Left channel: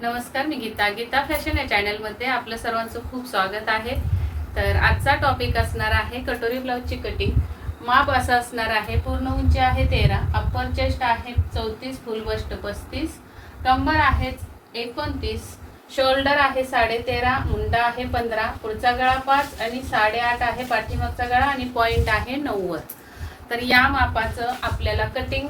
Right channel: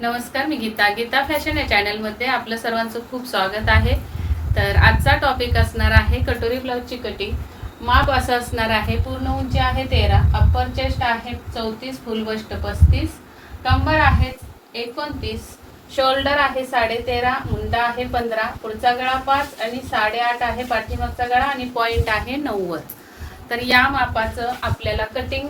नमस्कार, मी गीता फॅशन या चॅनलमध्ये आपलं सर्वांचं खूप स्वागत आहे। तर आजचा टॉपिक असणार आहे कटोरी ब्लाउजची कटिंग। माप असं असणार आहे, पूर्ण उंची आहे 13, अप्पर चेस्ट आहे 34, फुल बस्ट 35, कंबर आहे 29, शोल्डर आहे 13.5, मुंडा आहे 15, पुढचा गळा 5 आणि 8.5 आहे पाठीमागचा गळा आणि पॉइंट आहे 90। तर या मापाचं आपल्याला कटिंग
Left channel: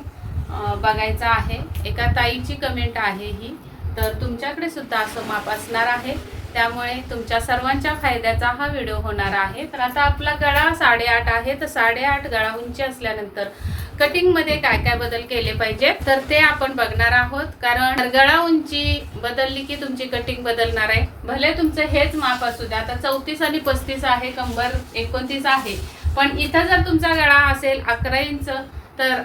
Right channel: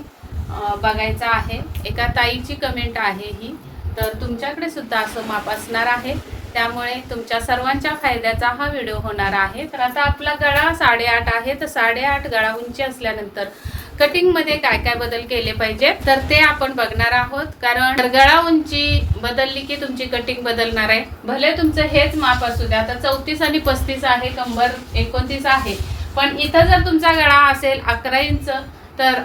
बघायचं आहे। एका ताईची कमेंट आहे ही, तर तुमच्याकडे सुद्धा असं माप असणार आहे, त्यामुळे तुमच्या सर्वांच्या फायद्याचा हा व्हिडिओ होणार आहे। तर आता आपला गळा 8.5 आहे, तर 8.5 गळा उंची असल्यानंतर कटिंग मध्ये काय काय बदल केले पाहिजे तर ते आपण बघणार आहोत। कारण गळा उंची बदलली की तुमची कटिंग बदलणार आहे। भले तुमचं हेच माप असू द्या, आता 34 आणि 35 आहे, कंबर 29 आहे, पण इथं जर तुमचा गळा असेल 11 इंच तर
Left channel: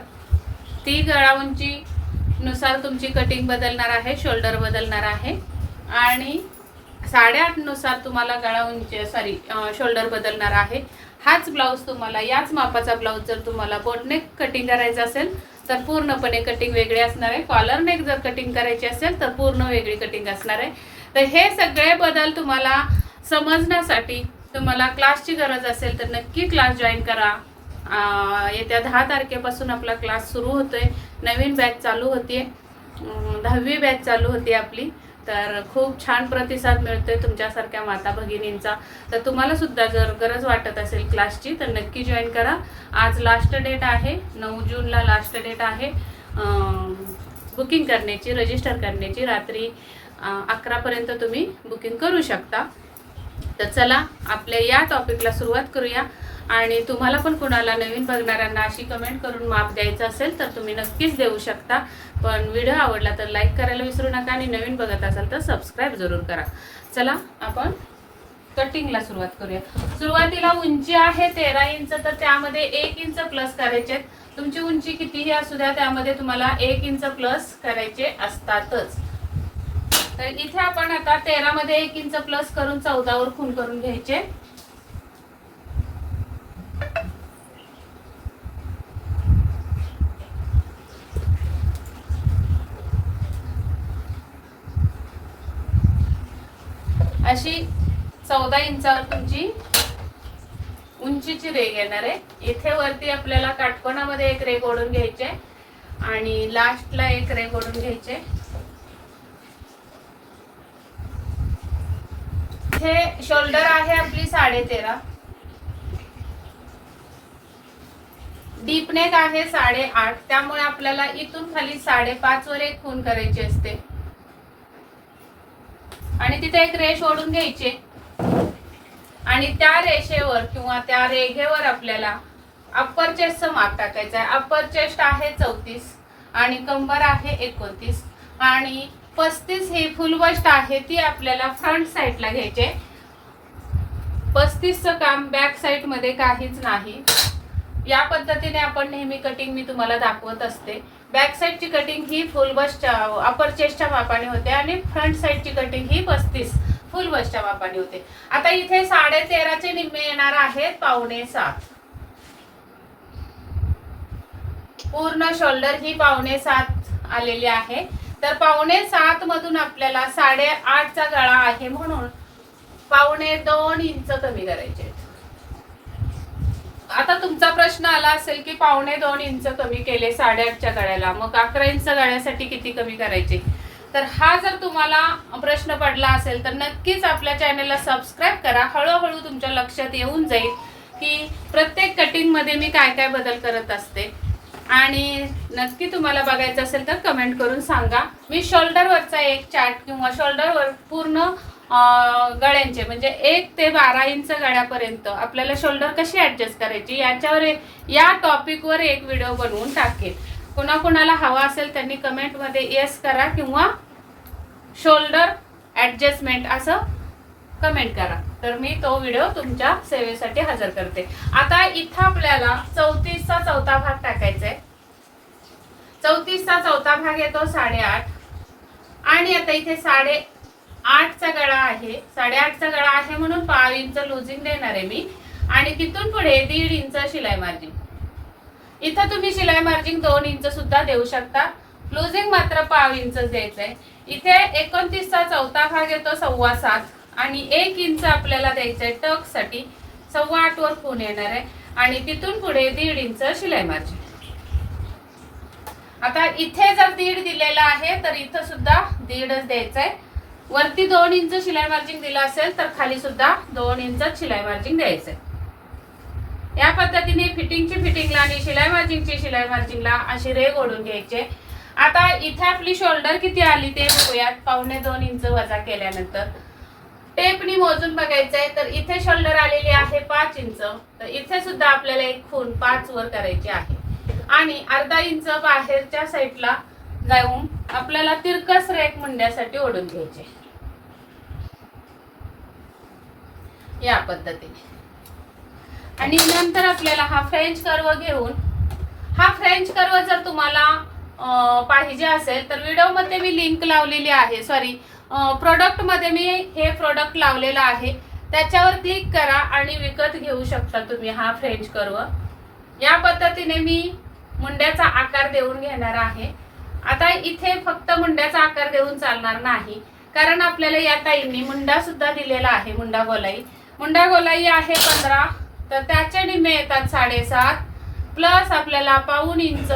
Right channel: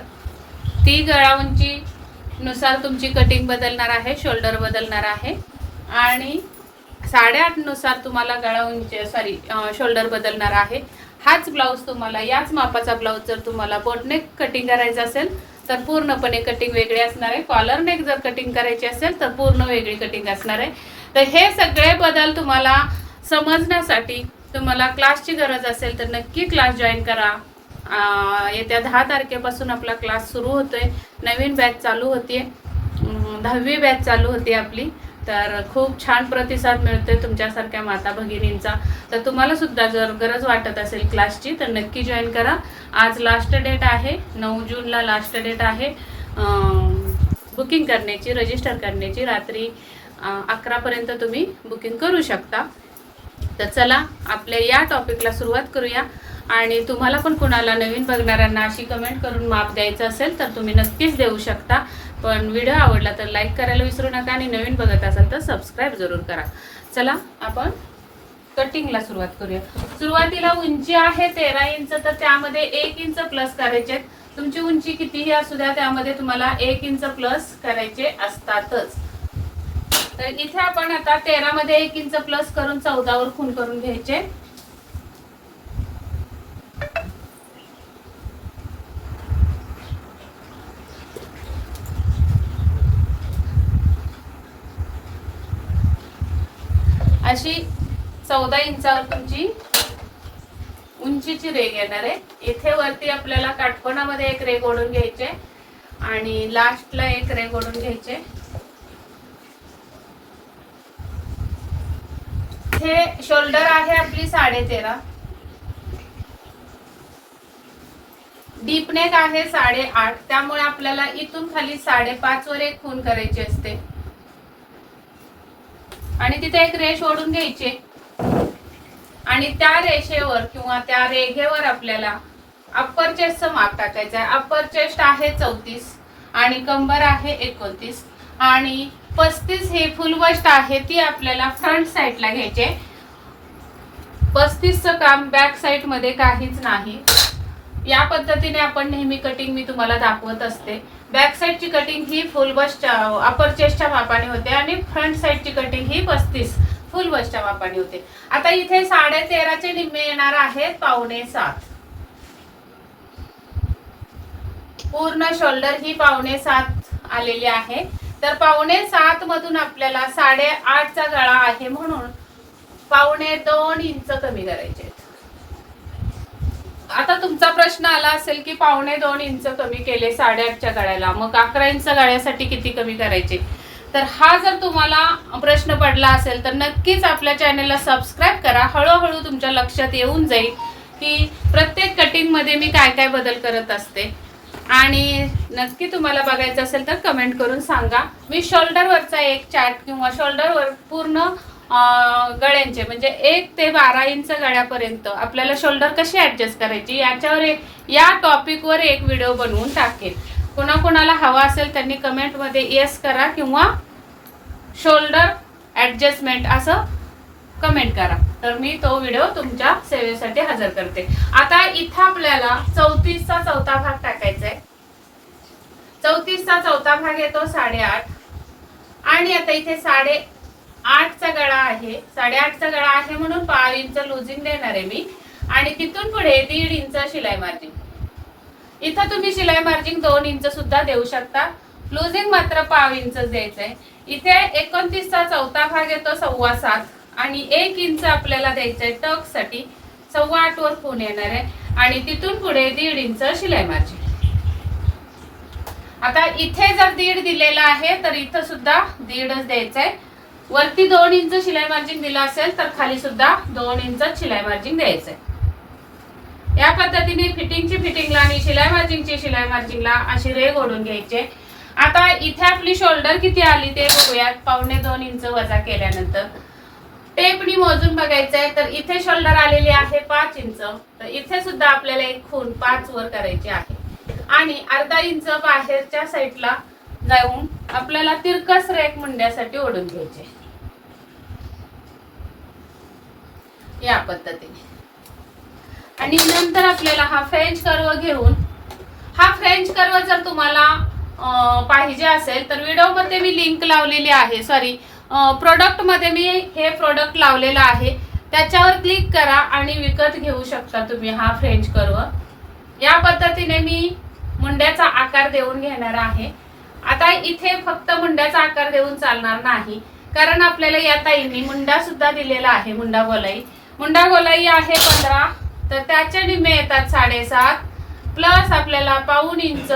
ती गळा उंची नुसार तुमची कटिंग बदलणार आहे, शोल्डर बदलणार आहे आणि 8.5 नुसार तुम्हाला गळा उंची शोल्डर बदलणार आहे। हाच ब्लाउज तुम्हाला याच मापाचा ब्लाउज जर तुम्हाला बोटनेक कटिंग करायचं असेल तर पूर्णपणे कटिंग वेगळी असणार आहे। कॉलर नेक जर कटिंग करायची असेल तर पूर्ण वेगळी कटिंग असणार आहे। तर हे सगळे बदल तुम्हाला समजण्यासाठी तुम्हाला क्लासची गरज असेल तर नक्की क्लास जॉईन करा। येत्या 10 तारखेपासून आपला क्लास सुरू होतोय, नवीन बॅच चालू होते, 10वी बॅच चालू होती आपली। तर खूप छान प्रतिसाद मिळतोय तुमच्यासारख्या माता भगिनींचा। तर तुम्हाला सुद्धा जर गरज वाटत असेल क्लासची तर नक्की जॉईन करा। आज लास्ट डेट आहे, 9 जूनला लास्ट डेट आहे बुकिंग करण्याची, रजिस्टर करण्याची। रात्री 11 पर्यंत तुम्ही बुकिंग करू शकता। तर चला आपल्या या टॉपिकला सुरुवात करूया। आणि तुम्हाला पण कुणाला नवीन बघणाऱ्यांना अशी कमेंट करून माप द्यायचं असेल तर तुम्ही नक्कीच देऊ शकता। पण व्हिडिओ आवडला तर लाईक करायला विसरू नका आणि नवीन बघत असाल तर सबस्क्राईब जरूर करा। चला आपण कटिंगला सुरुवात करूया। सुरुवातीला उंची आहे 13 इंच, तर त्यामध्ये 1 इंच प्लस करायचे। तुमची उंची कितीही असू द्या, त्यामध्ये तुम्हाला 1 इंच प्लस करायचे असतातच। तर इथे आपण आता 13 मध्ये 1 इंच प्लस करून 14 वर खूण करून घ्यायचे। अशी 14 इंचावर तुमची उंचीची रेघ येणार आहे। इथे वरती आपल्याला काटकोनामध्ये एक रेघ ओढून घ्यायचे आणि लास्टला एक रेघ ओढून घ्यायचे। हे शोल्डर आहे आपली 13.5, डीप नेक आहे 8.5, त्यामुळे आपल्याला इथून खाली 5.5 वर एक खूण करायची असते आणि तिथे एक रेष ओढून घ्यायची आणि त्या रेषेवर किंवा त्या रेघेवर आपल्याला अप्पर चेस्टचं माप टाकायचं आहे। अप्पर चेस्ट आहे 34 आणि कंबर आहे 29 आणि 35 ही फुल बस्ट आहे, ती आपल्याला फ्रंट साइडला घ्यायचे। 35चं काम बॅक साइड मध्ये काहीच नाही। या पद्धतीने आपण नेहमी कटिंग मी तुम्हाला दाखवत असते। बॅक साइडची कटिंग ही फुल बस्ट अपर चेस्टच्या मापाने होते आणि फ्रंट साइडची कटिंग ही 35 फुल बस्टच्या मापाने होते। आता इथे 13.5 चे निम्मे येणार आहेत 6.25। पूर्ण शोल्डर ही 6.25 आलेली आहे। तर 6.25 मधून आपल्याला 8.5 चा गळा आहे म्हणून 2.25 इंच कमी करायचे। आता तुमचा प्रश्न आला असेल की 2.25 इंच कमी केले 8.5 च्या गळ्याला, मग 11 इंच गळ्यासाठी किती कमी करायचे? तर हा जर तुम्हाला प्रश्न पडला असेल तर नक्कीच आपल्या चॅनलला सबस्क्राईब करा। हळूहळू तुमच्या लक्षात येऊन जाईल की प्रत्येक कटिंग मध्ये मी काय काय बदल करत असते। आणि नक्की तुम्हाला बघायचं असेल तर कमेंट करून सांगा। मी शोल्डरवरचा एक चार्ट किंवा शोल्डरवर पूर्ण गळ्यांचे म्हणजे 1 ते 12 इंच गळ्यापर्यंत आपल्याला शोल्डर कशी ऍडजस्ट करायची याच्यावर या टॉपिकवर एक व्हिडिओ बनवून टाकेल। कोणाकोणाला हवा असेल त्यांनी कमेंट मध्ये येस करा किंवा शोल्डर ऍडजस्टमेंट असं कमेंट करा, तर मी तो व्हिडिओ तुमच्या सेवेसाठी हजर करते। आता इथं आपल्याला 34 चा चौथा भाग टाकायचा आहे। 34 चा चौथा भाग येतो 8.5 आणि आता इथे 8.5 चा गळा आहे। 8.5 चा गळा आहे म्हणून 5 इंच लूजिंग देणार आहे मी आणि तिथून पुढे 1.5 इंच शिलाई मार्जिन। इथं तुम्ही शिलाई मार्जिन 2 इंच सुद्धा देऊ शकता। लुजिंग मात्र पाव इंच द्यायचंय. इथे 29चा चौथा भाग येतो 7.25 आणि 1 इंच आपल्याला द्यायचंय टक साठी. 8.25 वर खूण येणार आहे आणि तिथून पुढे 1.5 इंच शिलाई मार्जिन. आता इथे जर 1.5 दिलेला आहे तर इथं सुद्धा 1.5च द्यायचंय. वरती 2 इंच शिलाई मार्जिन दिला असेल तर खाली सुद्धा 2 इंच शिलाई मार्जिन द्यायचंय. या पद्धतीने फिटिंगला आणि शिलाई मार्जिनला अशी रेघ ओढून घ्यायचे. आता इथे आपली शोल्डर किती आली ते बघूयात. 1.25 इंच वजा केल्यानंतर टेपनी मोजून बघायचंय. तर इथे शोल्डर आलेली आहे 5 इंच. तर इथे सुद्धा आपल्याला एक खूण 5 वर करायची आहे आणि अर्धा इंच बाहेरच्या साईडला जाऊन आपल्याला तिरकस रेख मुंड्यासाठी ओढून घ्यायचे या पद्धतीने. आणि नंतर आपल्याला हा फ्रेंच कर्व घेऊन, हा फ्रेंच कर्व जर तुम्हाला पाहिजे असेल तर व्हिडिओ मध्ये मी लिंक लावलेली आहे. सॉरी, प्रोडक्ट मध्ये मी हे प्रोडक्ट लावलेलं आहे, त्याच्यावर क्लिक करा आणि विकत घेऊ शकता तुम्ही हा फ्रेंच कर्व. या पद्धतीने मी मुंड्याचा आकार देऊन घेणार आहे. आता इथे फक्त मुंड्याचा आकार देऊन चालणार नाही, कारण आपल्याला या ताईंनी मुंडा सुद्धा दिलेला आहे. मुंडा गोलाई आहे 15, तर त्याचे निम्मे येतात 7.5 प्लस आपल्याला 1.25 इंच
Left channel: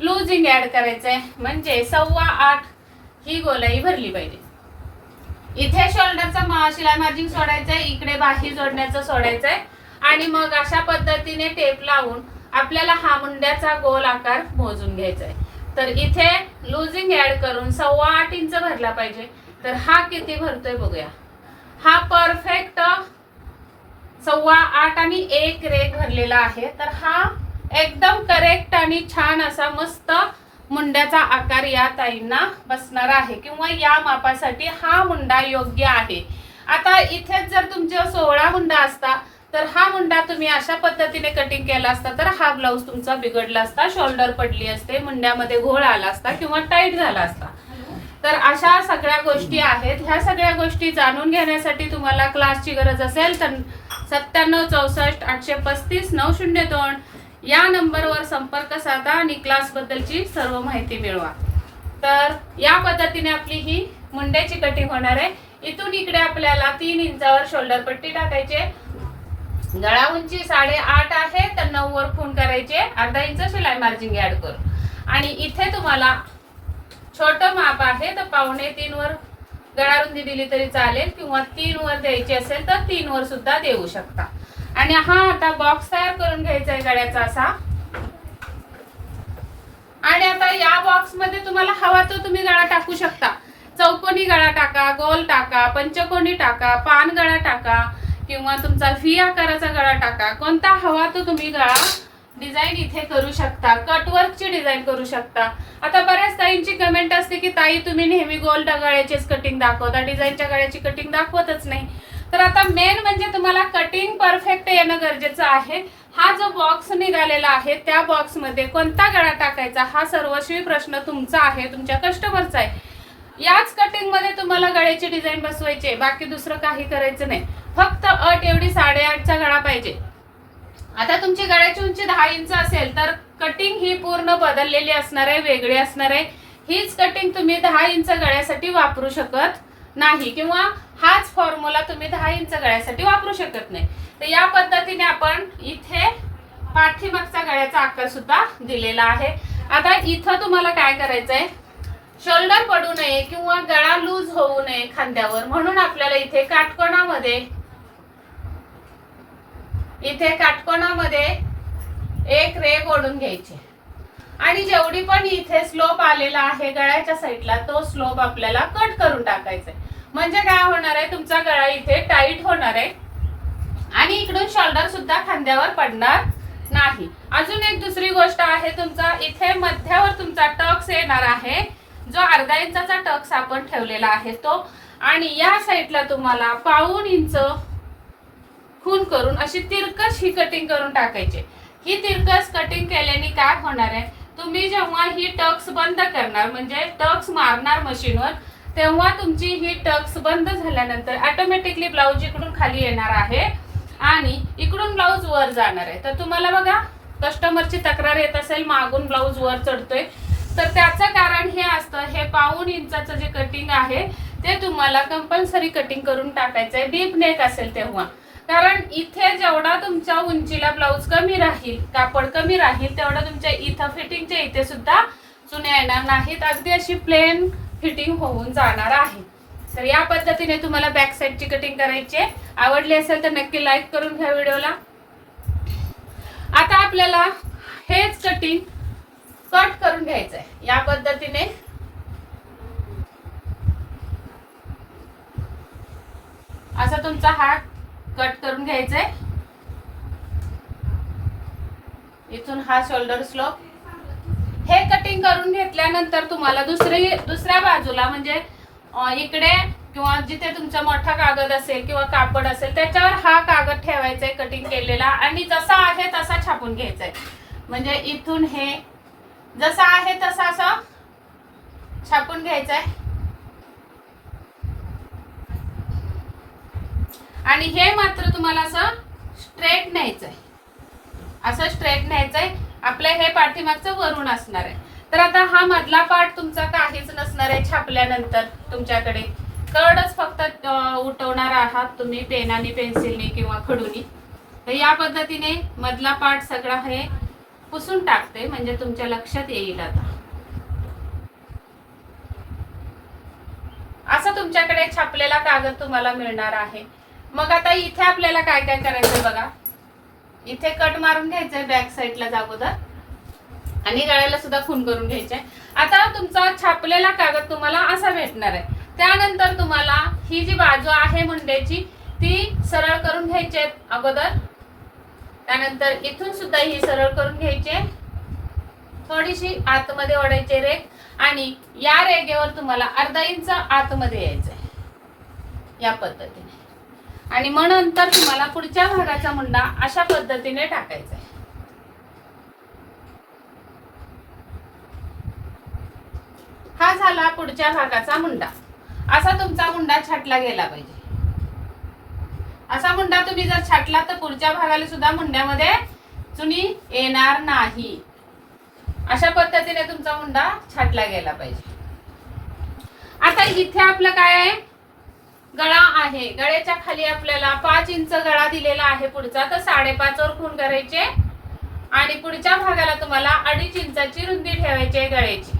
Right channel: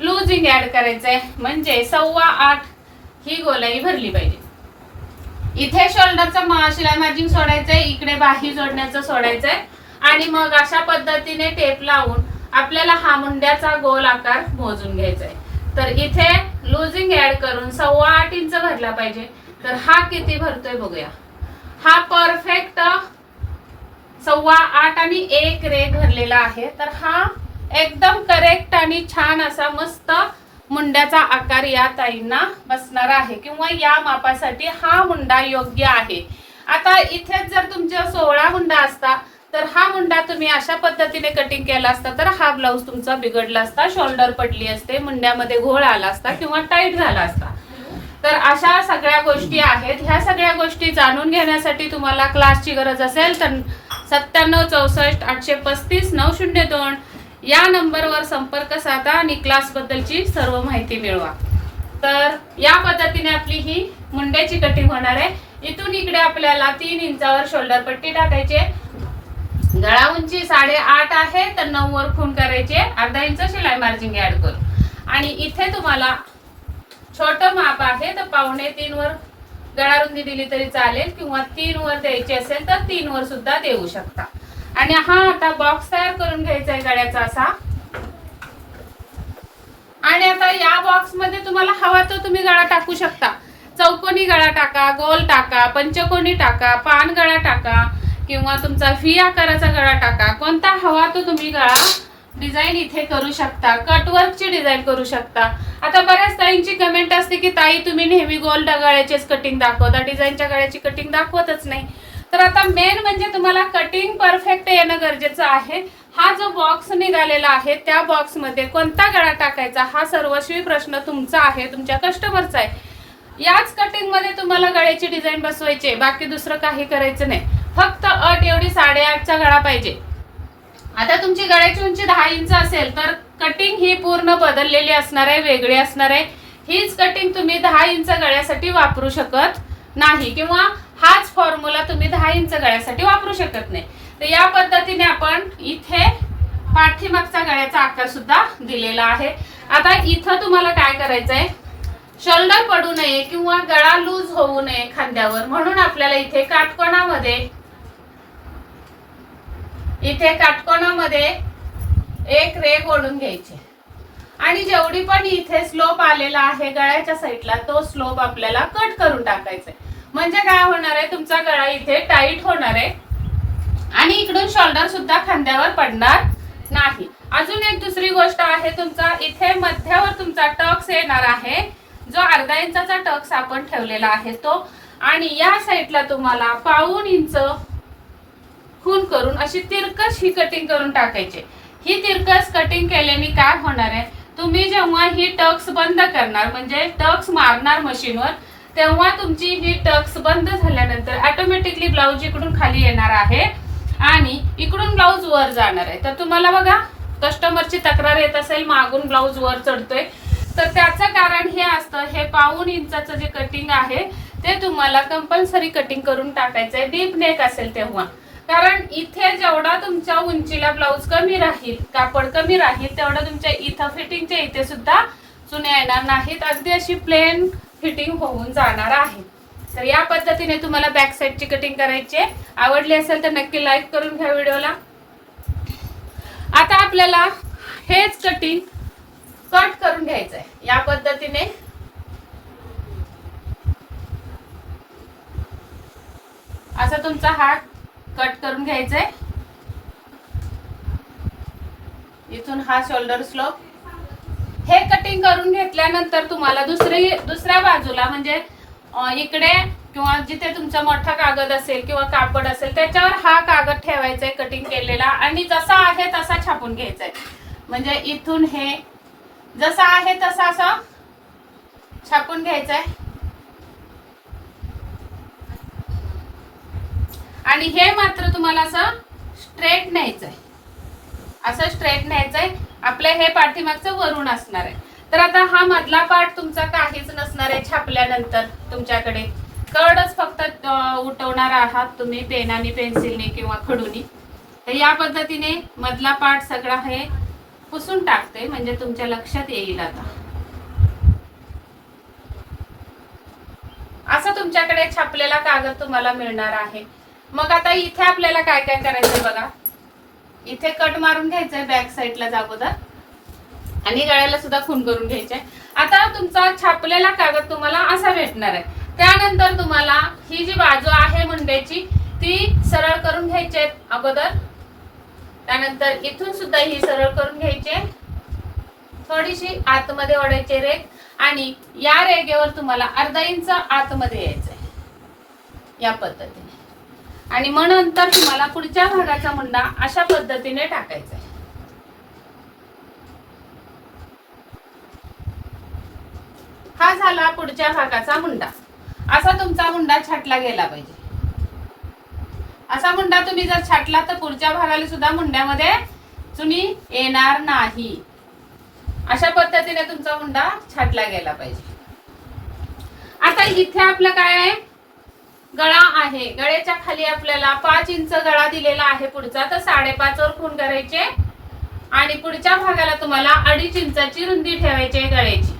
लुजिंग ऍड करायचंय, म्हणजे 8.25 ही गोलाई भरली पाहिजे. इथे शोल्डरचा शिलाई मार्जिन सोडायचंय, इकडे बाही जोडण्याचं सोडायचंय आणि मग अशा पद्धतीने टेप लावून आपल्याला हा मुंड्याचा गोल आकार मोजून घ्यायचा आहे. तर इथे लुजिंग ऍड करून 8.25 इंच भरला पाहिजे. तर हा किती भरतोय बघूया. हा परफेक्ट 8.25 आणि 1 रेघ भरलेला आहे. तर हा एकदम करेक्ट आणि छान असा मस्त मुंड्याचा आकार या ताईंना बसणार आहे, किंवा या मापासाठी हा मुंडा योग्य आहे. आता इथे जर तुमच्या 16 मुंडा असता तर हा मुंडा तुम्ही अशा पद्धतीने कटिंग केला असता तर हा ब्लाऊज तुमचा बिघडला असता, शोल्डर पडली असते, मुंड्यामध्ये घोळ आला असता किंवा टाईट झाला असता. तर अशा सगळ्या गोष्टी आहेत. ह्या सगळ्या गोष्टी जाणून घेण्यासाठी तुम्हाला क्लासची गरज असेल तर 97 64 835 902 या नंबरवर संपर्क साधा आणि क्लास बद्दलची सर्व माहिती मिळवा. तर या पद्धतीने आपली ही मुंड्याची कटिंग होणार आहे. इथून इकडे आपल्याला 3 इंचावर शोल्डर पट्टी टाकायची. गळा उंची 8.5 आहे, तर 9 वर खूण करायचे, अर्धा इंच शिलाई मार्जिन ऍड करू. आणि इथे तुम्हाला छोटं माप आहे तर 2.25 वर गळा रुंदी दिली तरी चालेल, किंवा 3 वर द्यायची असेल तर 3 वर सुद्धा देऊ शकता. आणि हा आता बॉक्स तयार करून घ्यायचा आहे गळ्याचा असा. आणि आता या बॉक्स मध्ये तुम्हाला हवा तो तुम्ही गळा टाकू शकता. चौकोनी गळा टाका, गोल टाका, पंचकोनी टाका, पान गळा टाका, किंवा तुमचा व्ही आकाराचा गळा टाका. कोणता हवा तो तुम्ही गळा डिझाईन इथे करू शकता. कटवर्कची डिझाईन करू शकता. आता बऱ्याच ताईंची कमेंट असते की ताई तुम्ही नेहमी गोल गळ्याचीच कटिंग दाखवता, डिझाईनच्या गळ्याची कटिंग दाखवतच नाही. तर आता मेन म्हणजे तुम्हाला कटिंग परफेक्ट येणं गरजेचं आहे. हा जो बॉक्स निघालेला आहे त्या बॉक्स मध्ये कोणता गळा टाकायचा हा सर्वस्वी प्रश्न तुमचा आहे, तुमच्या कस्टमरचा आहे. याच कटिंग मध्ये तुम्हाला गळ्याची डिझाईन बसवायची, बाकी दुसरं काही करायचं नाही. फक्त अट एवढी 8.5चा गळा पाहिजे. आता तुमची गळ्याची उंची 10 इंच असेल तर कटिंग ही पूर्ण बदललेली असणार आहे, वेगळी असणार आहे. हीच कटिंग तुम्ही 10 इंच गळ्यासाठी वापरू शकत नाही, किंवा हाच फॉर्म्युला तुम्ही 10 इंच गळ्यासाठी वापरू शकत नाही. तर या पद्धतीने आपण इथे पाठीमागचा गळ्याचा आकार सुद्धा दिलेला आहे. आता इथं तुम्हाला काय करायचंय, शोल्डर पडू नये किंवा गळा लूज होऊ नये खांद्यावर, म्हणून आपल्याला इथे काटकोनामध्ये एक रेघ ओढून घ्यायची. आणि जेवढी पण इथे स्लोप आलेला आहे गळ्याच्या साईडला तो स्लोप आपल्याला कट करून टाकायचा. म्हणजे काय होणार आहे, तुमचा गळा इथे टाईट होणार आहे आणि इकडून शोल्डर सुद्धा खांद्यावर पडणार नाही. अजून एक दुसरी गोष्ट आहे, तुमचा इथे मध्यावर तुमचा टक्स येणार आहे, जो अर्धा इंचाचा टक्स आपण ठेवलेला आहे तो. आणि या साईडला तुम्हाला 1.25 इंच खून करून अशी तिरकस ही कटिंग करून टाकायची. ही तिरकस कटिंग केल्याने काय होणार आहे, तुम्ही जेव्हा ही टक्स बंद करणार म्हणजे टक्स मारणार मशीनवर, तेव्हा तुमची ही टक्स बंद झाल्यानंतर ऑटोमॅटिकली ब्लाऊज इकडून खाली येणार आहे आणि इकडून ब्लाऊज वर जाणार आहे. तर तुम्हाला बघा कस्टमरची तक्रार येत असेल मागून ब्लाऊज वर चढतोय, तर त्याचं कारण हे असतं, हे 1.5 इंचाचं जे कटिंग आहे ते तुम्हाला कंपल्सरी कटिंग करून टाकायचं आहे डीप नेक असेल तेव्हा. कारण इथे जेवढा तुमच्या उंचीला ब्लाऊज कमी राहील, कापड कमी राहील, तेवढा तुमच्या इथं फिटिंगच्या इथे सुद्धा चुन्या येणार नाहीत, अगदी अशी प्लेन फिटिंग होऊन जाणार आहे. तर या पद्धतीने तुम्हाला बॅक साईडची कटिंग करायची आहे. आवडली असेल तर नक्की लाईक करून घ्या व्हिडिओला. आता आपल्याला हेच कटिंग कट करून घ्यायचं आहे. या पद्धतीने असा तुमचा हात कट करून घ्यायचा आहे. इथून हा शोल्डर स्लोप. हे कटिंग करून घेतल्यानंतर तुम्हाला दुसऱ्या बाजूला म्हणजे इकडे किंवा जिथे तुमचा मोठा कागद असेल किंवा कापड असेल त्याच्यावर हा कागद ठेवायचा आहे कटिंग केलेला, आणि जसा आहे तसा छापून घ्यायचा आहे. म्हणजे इथून हे जसा आहे तसा असं छापून घ्यायचा आहे. आणि हे मात्र तुम्हाला असं स्ट्रेट न्यायचंय, असं स्ट्रेट न्यायचंय. आपलं हे पाठीमागचं वरून असणार आहे. तर आता हा मधला पार्ट तुमचा काहीच नसणार आहे. छापल्यानंतर तुमच्याकडे कडच फक्त उठवणार आहात तुम्ही पेनाने, पेन्सिलने किंवा खडूनी. तर या पद्धतीने मधला पार्ट सगळा हे पुसून टाकते, म्हणजे तुमच्या लक्षात येईल. आता असं तुमच्याकडे छापलेला कागद तुम्हाला मिळणार आहे. मग आता इथे आपल्याला काय काय करायचंय बघा. इथे कट मारून घ्यायचंय बॅक साईडला अगोदर, आणि गळ्याला सुद्धा खून करून घ्यायचंय. आता तुमचा छापलेला कागद तुम्हाला असा भेटणार आहे. त्यानंतर तुम्हाला ही जी बाजू आहे मुंड्याची ती सरळ करून घ्यायची आहे अगोदर. त्यानंतर इथून सुद्धा ही सरळ करून घ्यायची, थोडीशी आतमध्ये ओढायची रेग, आणि या रेगेवर तुम्हाला अर्धा इंच आतमध्ये यायचंय या पद्धतीने. आणि मग नंतर तुम्हाला पुढच्या भागाचा मुंडा अशा पद्धतीने टाकायचा आहे. हा झाला पुढच्या भागाचा मुंडा. असा तुमचा मुंडा छाटला गेला पाहिजे. असा मुंडा तुम्ही जर छाटला तर पुढच्या भागाला सुद्धा मुंड्यामध्ये चुनी येणार नाही. अशा पद्धतीने तुमचा मुंडा छाटला गेला पाहिजे. आता इथे आपलं काय आहे, गळा आहे. गळ्याच्या खाली आपल्याला 5 इंच गळा दिलेला आहे पुढचा, तर 5.5 वर खून करायचे, आणि पुढच्या भागाला तुम्हाला 2.5 इंचाची रुंदी ठेवायची आहे गळ्याची.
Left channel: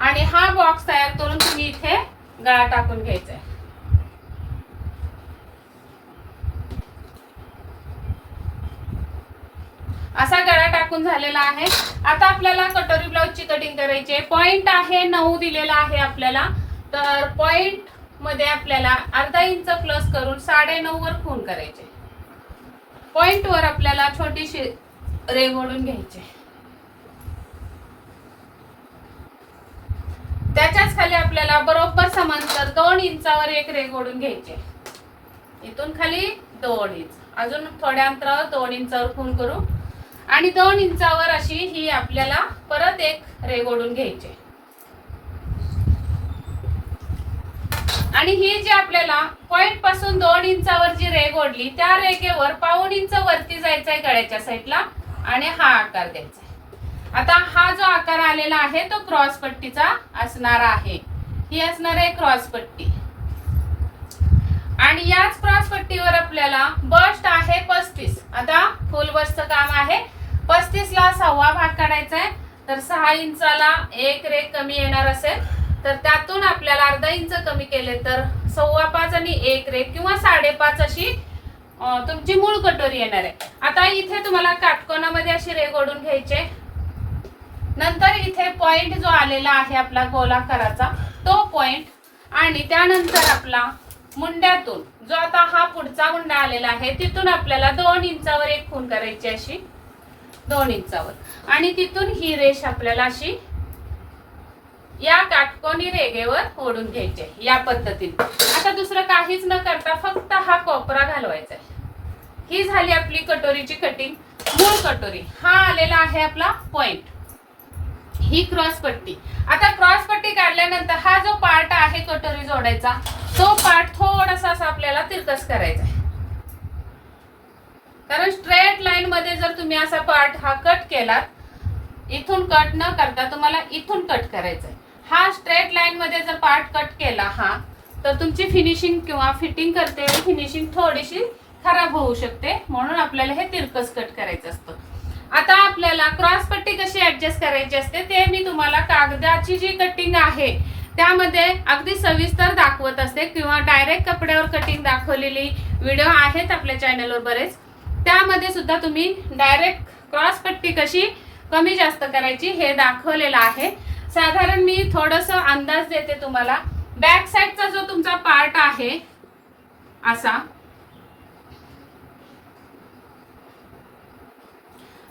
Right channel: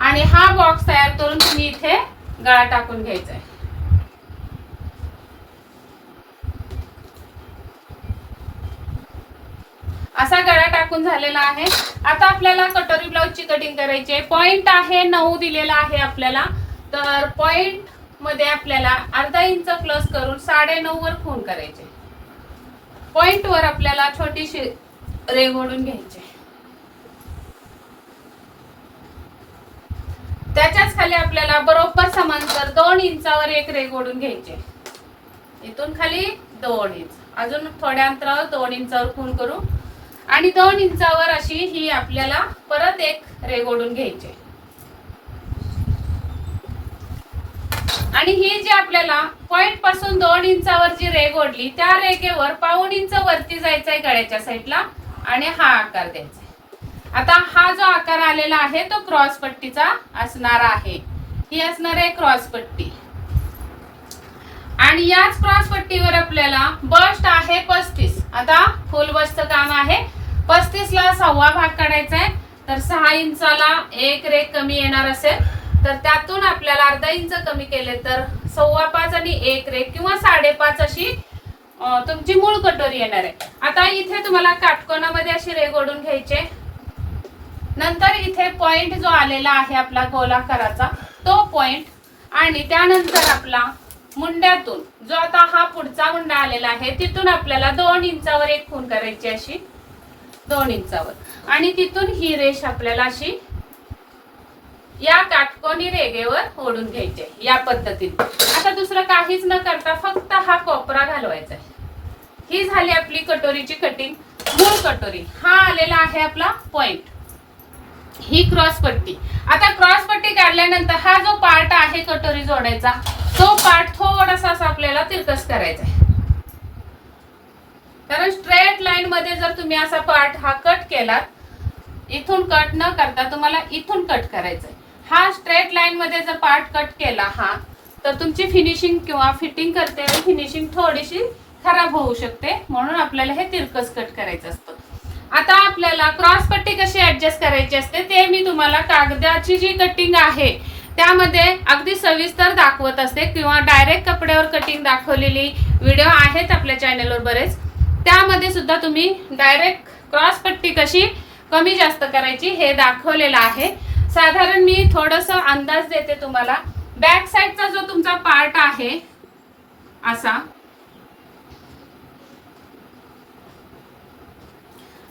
आणि हा बॉक्स तयार करून तुम्ही इथे गळा टाकून घ्यायचा आहे. असा गळा टाकून झालेला आहे. आता आपल्याला कटोरी ब्लाउजची कटिंग करायची आहे. पॉइंट आहे 9 दिलेला आहे आपल्याला. तर पॉइंट मध्ये आपल्याला अर्धा इंच प्लस करून 9.5 वर खून करायचे. पॉइंट वर आपल्याला छोटीशी रेघ ओढून घ्यायची. त्याच्याच खाली आपल्याला बरोबर समांतर 2 इंचावर एक रेघ ओढून घ्यायची. इथून खाली 2 इंच, अजून थोड्या अंतरावर 2 इंचावर खून करू, आणि 2 इंचावर अशी ही आपल्याला परत एक रेघ ओढून घ्यायची. आणि ही जी आपल्याला पॉइंट पासून 2 इंचावर जी रेघ ओढली त्या रेघेवर 1.5 इंच वरती जायचंय गळ्याच्या साईडला, आणि हा आकार द्यायचा. आता हा जो आकार आलेला आहे तो क्रॉस पट्टीचा असणार आहे. ही असणार आहे क्रॉस पट्टी. आणि याच क्रॉस पट्टीवर आपल्याला बस्ट आहे 35. आता फुल बस्टचं काम आहे. 35 ला 1/2 भाग काढायचा आहे. तर 6 इंचाला एक रेघ कमी येणार असेल तर त्यातून आपल्याला अर्धा इंच कमी केले तर 5.25 आणि एक रेघ किंवा 5.5 अशी तुमची मूळ कटोरी येणार आहे. आता इथे तुम्हाला काटकोनामध्ये अशी रेघ ओढून घ्यायची. नंतर इथे पॉइंट जो आलेला आहे आपला गोलाकाराचा तो पॉइंट, आणि त्यानंतर आपला मुंड्यातून जो आता हा पुढचा मुंडा आलेला आहे तिथून आपल्याला 2 इंचावर एक खून करायची, अशी 2 इंचावर, आणि तिथून ही रेष आपल्याला अशी या काटकोनी रेघेवर ओढून घ्यायचे या पद्धतीने. आता दुसरं काहीच न करता फक्त हा कोपरा घालवायचा आहे. ही झाली आपली कटोरीची कटिंग, मूळ कटोरी. हा आलेला आहे आपला पॉइंट, ही क्रॉस पट्टी. आता क्रॉस पट्टी काढल्यानंतर हा जो पार्ट आहे कटोरी जोडायचा तो पार्ट थोडासा आपल्याला तिरकस करायचा आहे. कारण स्ट्रेट लाईन मध्ये जर तुम्ही असा पार्ट हा कट केलात इथून कट न करता तुम्हाला इथून कट करायचं आहे. हा स्ट्रेट लाईन मध्ये जर पार्ट कट केला हा, तर तुमची फिनिशिंग किंवा फिटिंग करते फिनिशिंग थोडीशी खराब होऊ शकते, म्हणून आपल्याला हे तिरकस कट करायचं असतं. आता आपल्याला क्रॉस पट्टी कशी ऍडजस्ट करायची असते ते मी तुम्हाला कागदाची जी कटिंग आहे त्यामध्ये अगदी सविस्तर दाखवत असते, किंवा डायरेक्ट कपड्यावर कटिंग दाखवलेली व्हिडिओ आहेत आपल्या चॅनलवर बरेच, त्यामध्ये सुद्धा तुम्ही डायरेक्ट क्रॉस पट्टी कशी कमी जास्त करायची हे दाखवलेलं आहे. साधारण मी थोडस अंदाज देते तुम्हाला. बॅक साइडचा जो तुमचा पार्ट आहे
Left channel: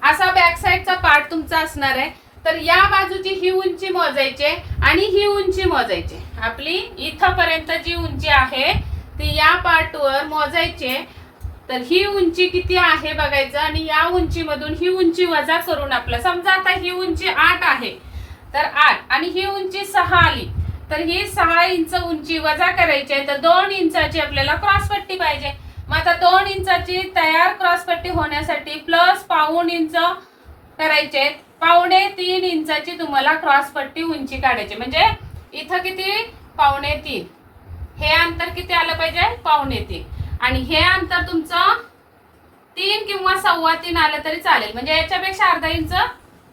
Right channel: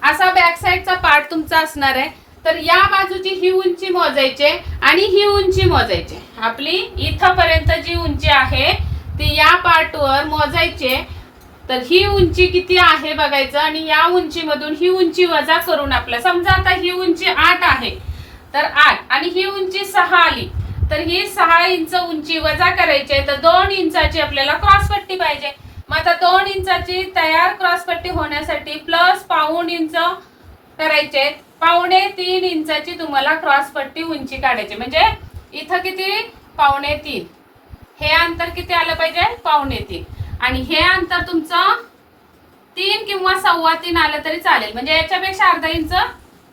असा बॅक साइडचा पार्ट तुमचा असणार आहे. तर या बाजूची ही उंची मोजायची आणि ही उंची मोजायची. आपली इथपर्यंत जी उंची आहे ती या पार्टवर मोजायची. तर ही उंची किती आहे बघायचं आणि या उंचीमधून ही उंची वजा करून आपलं, समजा आता ही उंची 8 आहे तर 8 आणि ही उंची 6 आली, तर ही 6 इंच उंची वजा करायची आहे. तर 2 इंचाची आपल्याला क्रॉसपट्टी पाहिजे. मग आता 2 इंचाची तयार क्रॉसपट्टी होण्यासाठी प्लस पाऊण इंच करायचे, 2.25 इंचाची तुम्हाला क्रॉसपट्टी उंची काढायची. म्हणजे इथं किती 2.25, हे अंतर किती आलं पाहिजे 2.25, आणि हे अंतर तुमचं 3 किंवा 3.25 आलं तरी चालेल. म्हणजे याच्यापेक्षा अर्धा इंच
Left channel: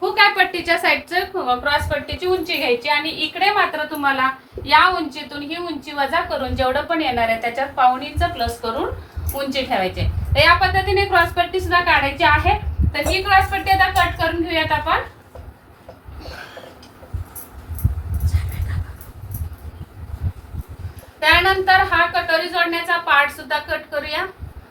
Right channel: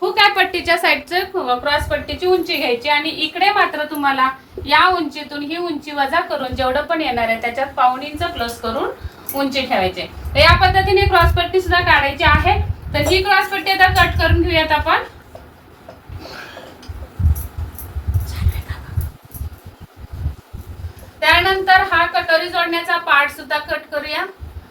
हुकाय पट्टीच्या साईडचं क्रॉस पट्टीची उंची घ्यायची, आणि इकडे मात्र तुम्हाला या उंचीतून ही उंची वजा करून जेवढं पण येणार आहे त्याच्यात पाऊण इंच प्लस करून उंची ठेवायची. तर या पद्धतीने क्रॉस पट्टी सुद्धा काढायची आहे. तर ही क्रॉस पट्टी आता कट करून घेऊयात आपण. त्यानंतर हा कटोरी जोडण्याचा पार्ट सुद्धा कट करूया.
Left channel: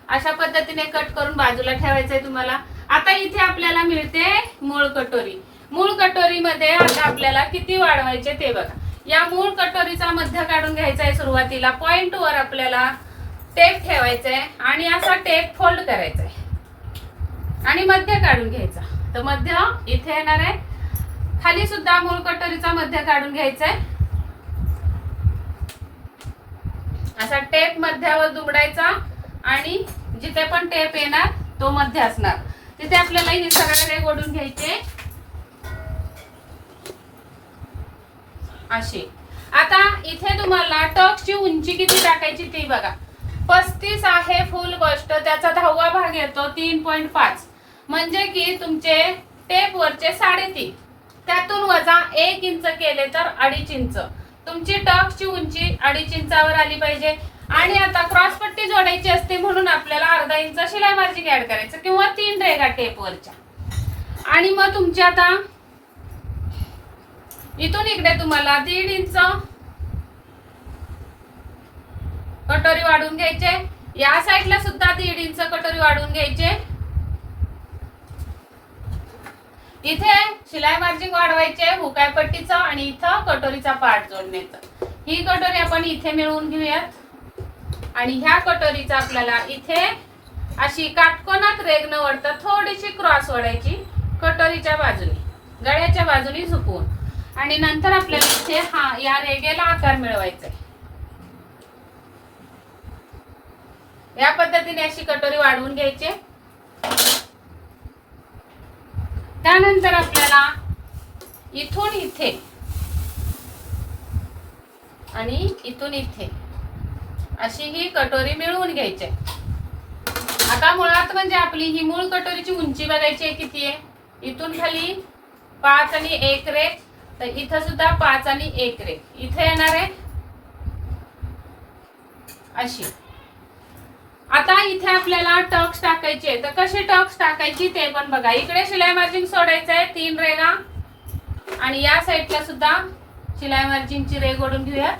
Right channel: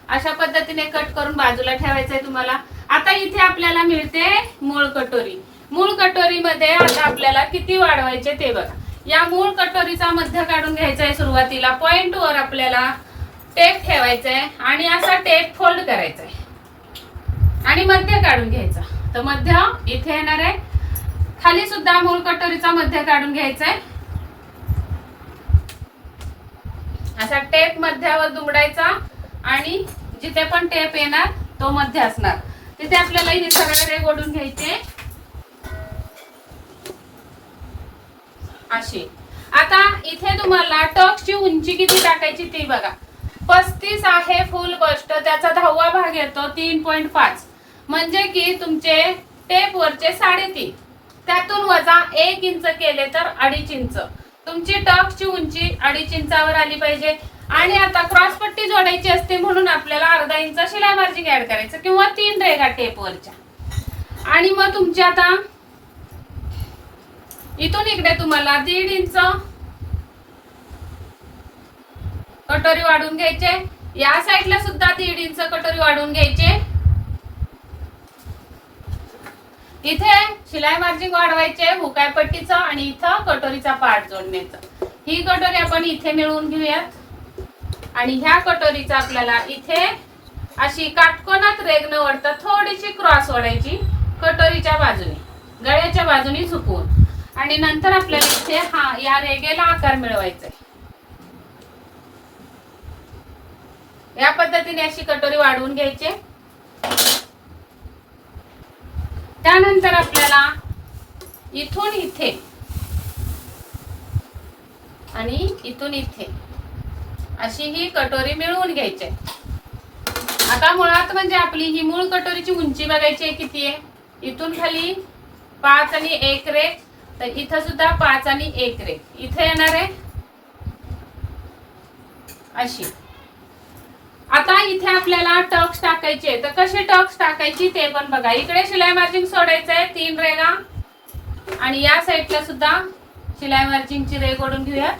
अशा पद्धतीने कट करून बाजूला ठेवायचं आहे तुम्हाला. आता इथे आपल्याला मिळते मूळ कटोरी. मूळ कटोरीमध्ये आता आपल्याला किती वाढवायचे ते बघा. या मूळ कटोरीचा मध्य काढून घ्यायचा आहे. सुरुवातीला पॉइंट वर आपल्याला टेप ठेवायचा आहे आणि असा टेप फोल्ड करायचा आहे आणि मध्य काढून घ्यायचा. तर मध्य इथे येणार आहे. खाली सुद्धा मूळ कटोरीचा मध्य काढून घ्यायचा आहे. असा टेप मध्यावर दुमडायचा आणि जिथे पण टेप येणार तो मध्य असणार तिथे आपल्याला हे सरळ रेघ ओढून घ्यायचे अशी. आता इथे तुम्हाला टक्सची उंची किती टाकायची ती बघा. 35 आहे फुल बस्ट, त्याचा 10वा भाग येतो 3.5, म्हणजे की तुमचे टेप वरचे 3.5, त्यातून वजा 1 इंच केले तर 2.5 इंच तुमची टक्सची उंची 2.5 इंचावर आली पाहिजे. आणि आता क्रॉसपट्टी जोडायची असते म्हणून आपल्याला अर्धा इंच शिलाई मार्जिन ऍड करायचं किंवा 3 रेघा टेप वरच्या. आणि मग तुमची आता इथून इकडे तुम्हाला 1.5 इंच कटोरी वाढवून घ्यायचे. या साईडला सुद्धा 1.5 इंच कटोरी वाढवून घ्यायचे. इथे शिलाई मार्जिन वाढवायचे हुकाय पट्टीचा आणि इथं कटोरीचा पार्ट जोडण्याचा. ही कटोरी आपण इथे मिळवून घेऊयात आणि ह्या कटोरीचा आपल्याला इथे अशी काटकोनात रेघ न वळता थोडीशी क्रॉस ओढायची कटोरीच्या बाजूने, गळ्याच्या बाजूने झुकवून, आणि नंतर आपल्याला इथे हा या रेघेला आकार मिळवायचा आहे. या पद्धतीने अशी कटोरी वाढवून घ्यायची. त्यानंतर आपल्याला इथून इथे आणि इथून इथे अशी ही कटोरी मिळवून घ्यायची. आता मुळात म्हणजे आपली ही मूळ कटोरीची उंची बघायची किती आहे. इथून खाली 5 आणि 1 रेघ, तर इथं सुद्धा 5 आणि 1 रेघ इथे येणार आहे अशी. आता इथे आपल्याला टक्स टाकायचे, तर कशी टक्स टाकायची ते पण बघा. इकडे शिलाई मार्जिन सोडायचं आहे 3 रेघा आणि या साईडला सुद्धा शिलाई मार्जिनची रेघ ओढून घेऊया.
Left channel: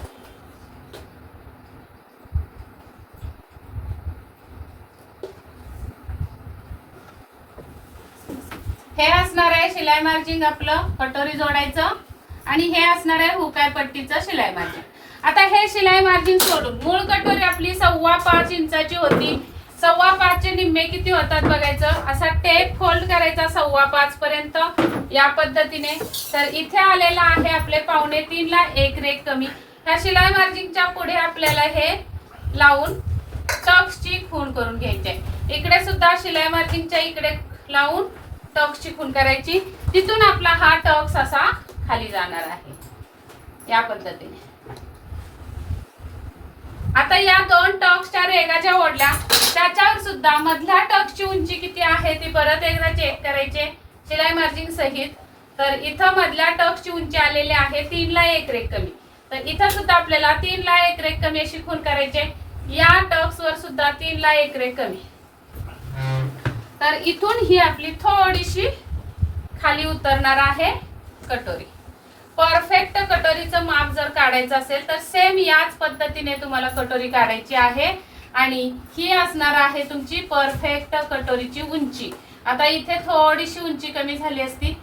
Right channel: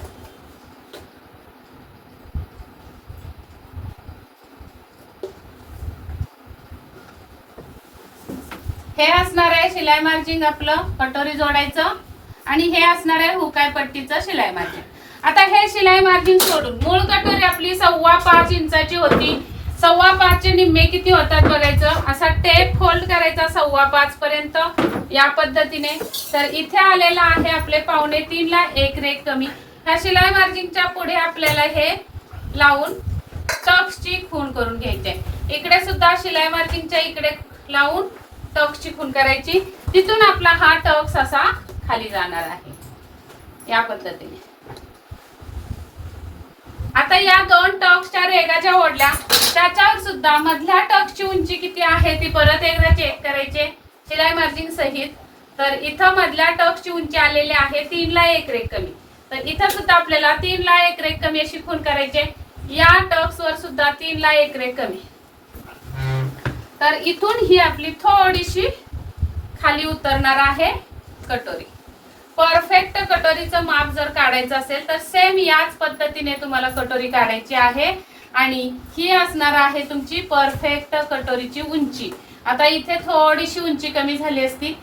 हे असणार आहे शिलाई मार्जिन आपलं कटोरी जोडायचं आणि हे असणार आहे हुकाय पट्टीचं शिलाई मार्जिन. आता हे शिलाई मार्जिन सोडून मूळ कटोरी आपली 5.25 इंचाची होती. 5.25 चे निम्मे किती होतात बघायचं. असा टेप फोल्ड करायचा 5.25 पर्यंत या पद्धतीने. तर इथे आलेला आहे आपले 2.25 ला 1 रेघ कमी. ह्या शिलाई मार्जिनच्या पुढे आपल्याला हे लावून टक्सची खूण करून घ्यायची. इकडे सुद्धा शिलाई मार्जिनच्या इकडे लावून टक्सची खून करायची, तिथून आपला हा टक्स असा खाली जाणार आहे या पद्धतीने. आता या 2 टक्सच्या रेगा ज्या ओढल्या त्याच्यावर सुद्धा मधल्या टक्सची उंची किती आहे ती परत एकदा चेक करायचे शिलाई मार्जिन सहित. तर इथं मधल्या टक्सची उंची आलेली आहे 3 ला 1 रेघ कमी. तर इथं सुद्धा आपल्याला 3 ला 1 रेघ कमी अशी खून करायचे. या टक्स वर सुद्धा 3 ला 1 रेघ कमी. तर इथून ही आपली थोडीशी खाली उतरणार आहे कटोरी. परफेक्ट कटोरीचं माप जर काढायचं असेल तर सेम याच पद्धतीने तुम्हाला कटोरी काढायची आहे आणि ही असणार आहे तुमची परफेक्ट कटोरीची उंची. आता इथे थोडीशी उंची कमी झाली असती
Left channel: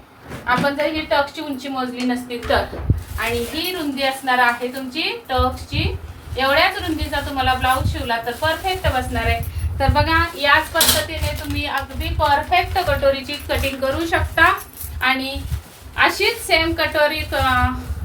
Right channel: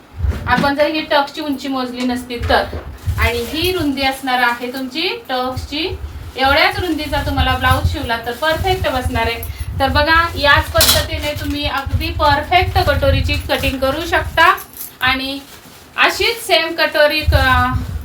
आपण जर ही टक्सची उंची मोजली नसती तर, आणि ही रुंदी असणार आहे तुमची टक्सची. एवढ्याच रुंदीचा तुम्हाला ब्लाऊज शिवला तर परफेक्ट बसणार आहे. तर बघा याच पद्धतीने तुम्ही अगदी परफेक्ट कटोरीची कटिंग करू शकता. आणि अशीच सेम कटोरी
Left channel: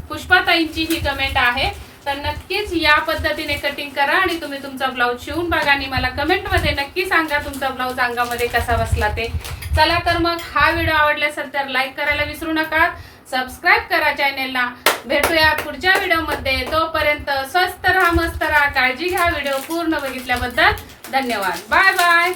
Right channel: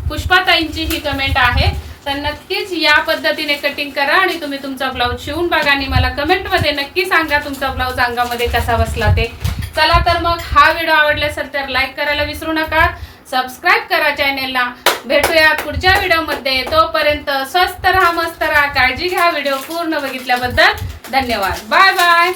पुष्पाताईंची ही कमेंट आहे, तर नक्कीच या पद्धतीने कटिंग करा आणि तुम्ही तुमचा ब्लाऊज शिवून बघा आणि मला कमेंट मध्ये नक्की सांगा तुमचा ब्लाऊज अंगामध्ये कसा बसला ते. चला तर मग हा व्हिडिओ आवडला असेल तर लाईक करायला विसरू नका, सबस्क्राईब करा चॅनेलला. भेटूया पुढच्या व्हिडिओमध्ये. तोपर्यंत स्वस्त राहा, मस्त राहा, काळजी घ्या. व्हिडिओ पूर्ण बघितल्याबद्दल धन्यवाद. Bye bye.